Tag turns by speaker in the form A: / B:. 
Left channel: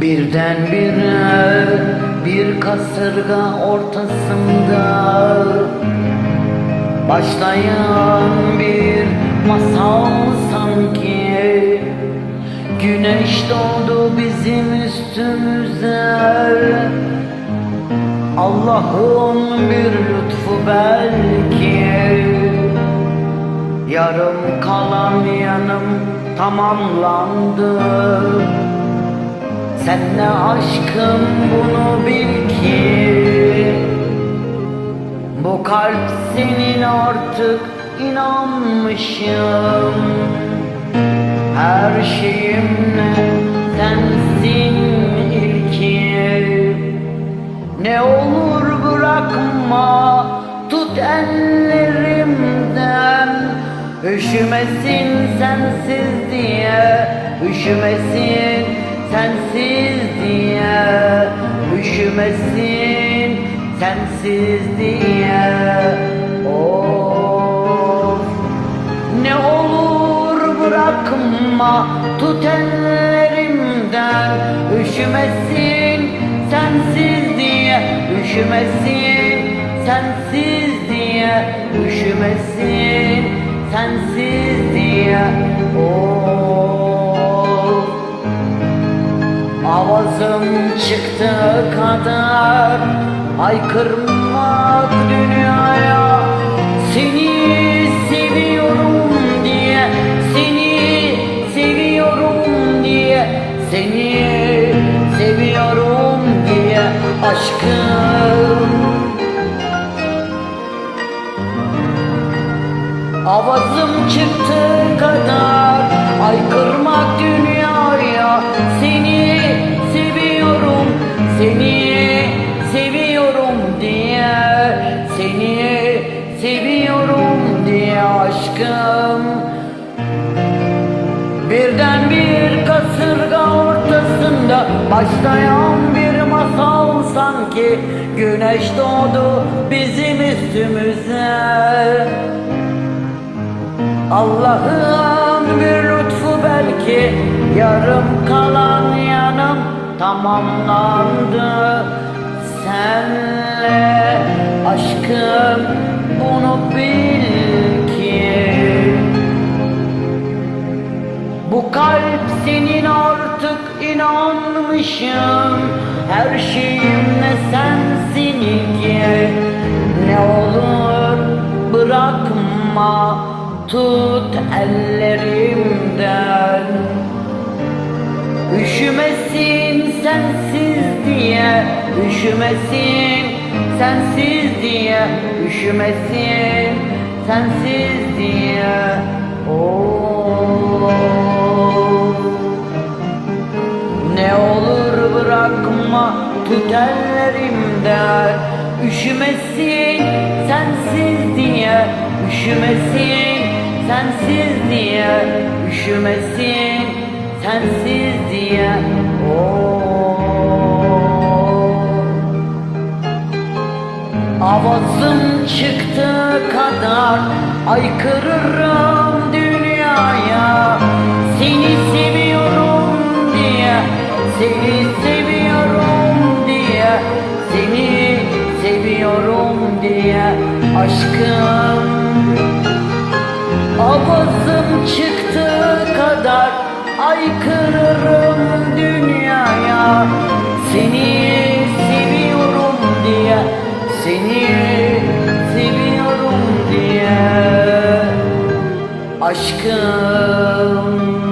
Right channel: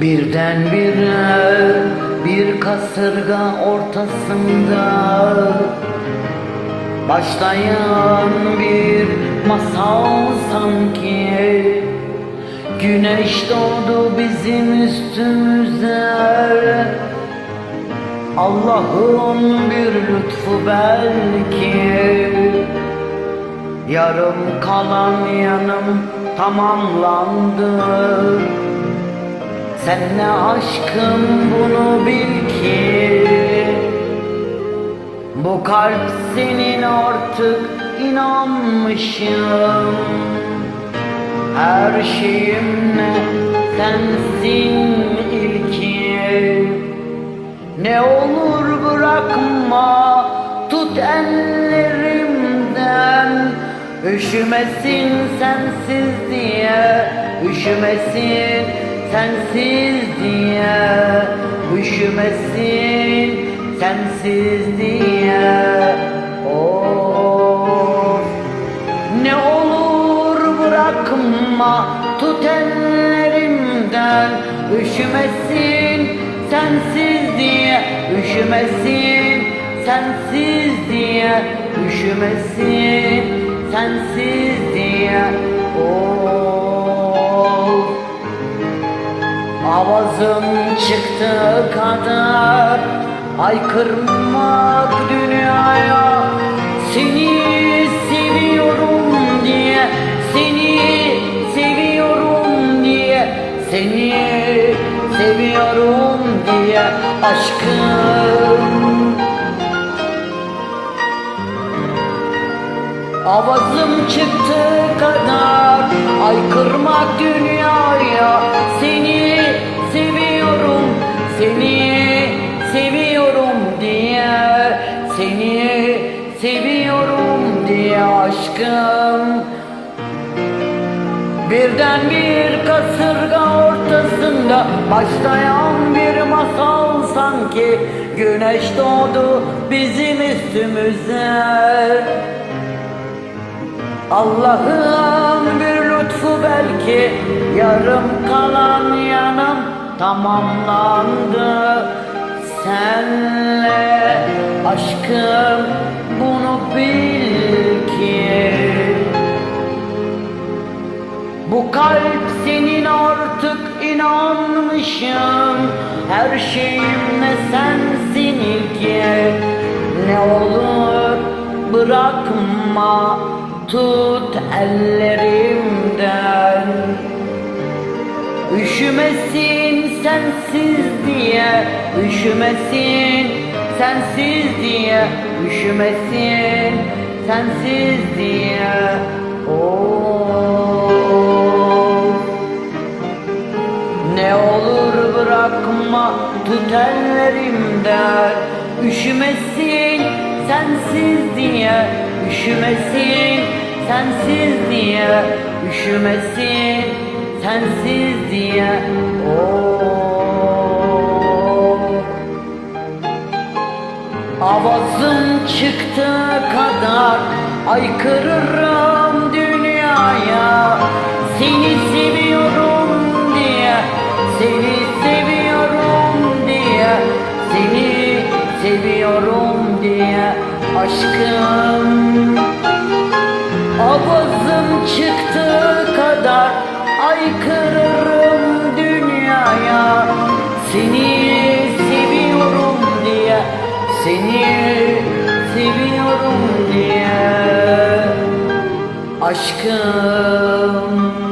A: Birdenbire bir kasırga ortasında. Başlayan bir masal sanki. Güneş doğdu bizim üstümüze. Allah'ın bir lütfu belki. Yarım kalan yanım tamamlandı Senle aşkım bunu bil ki. Bu kalp senin artık inanmışım. Her şeyimle sensin ilki. Ne olur bırakma tut ellerimden. Üşümesin sensiz diye Üşümesin sensiz diye Üşümesin sensiz diye Of ne olur bırakma tut ellerimden. Üşümesin sensiz diye Üşümesin sensiz diye Üşümesin sensiz diye Of Avazım çıktı kadar Haykırmak dünyaya. Seni seviyorum diye Seni seviyorum diye Seni seviyorum diye Aşkım. Avazım çıktı kadar Aykırmak dünyaya diye aşkım. Birden bir kasırga ortasında Başlayan bir masal sanki Güneş doğdu bizim üstümüze. Allah'ın bir lütfu belki Yarım kalan yanım tamamlandı. Senle aşkım bunu bil kalp senin artık inanmışım. Her şeyimle sensin ilki Ne olur bırakma tut ellerimden. Üşümesin sensiz diye Üşümesin sensiz diye Üşümesin sensiz diye. Of Ne olur bırakma tut ellerimden Üşümesin sensiz diye Üşümesin sensiz diye Üşümesin sensiz diye. Oh. Avazım çıktı kadar Aykırırım dünyaya. Seni seviyorum diye Seni seviyorum diye Seni seviyorum diye Aşkım. Avazım çıktı kadar Aykırırım dünyaya. Seni seviyorum diye Seni seviyorum diye Aşkım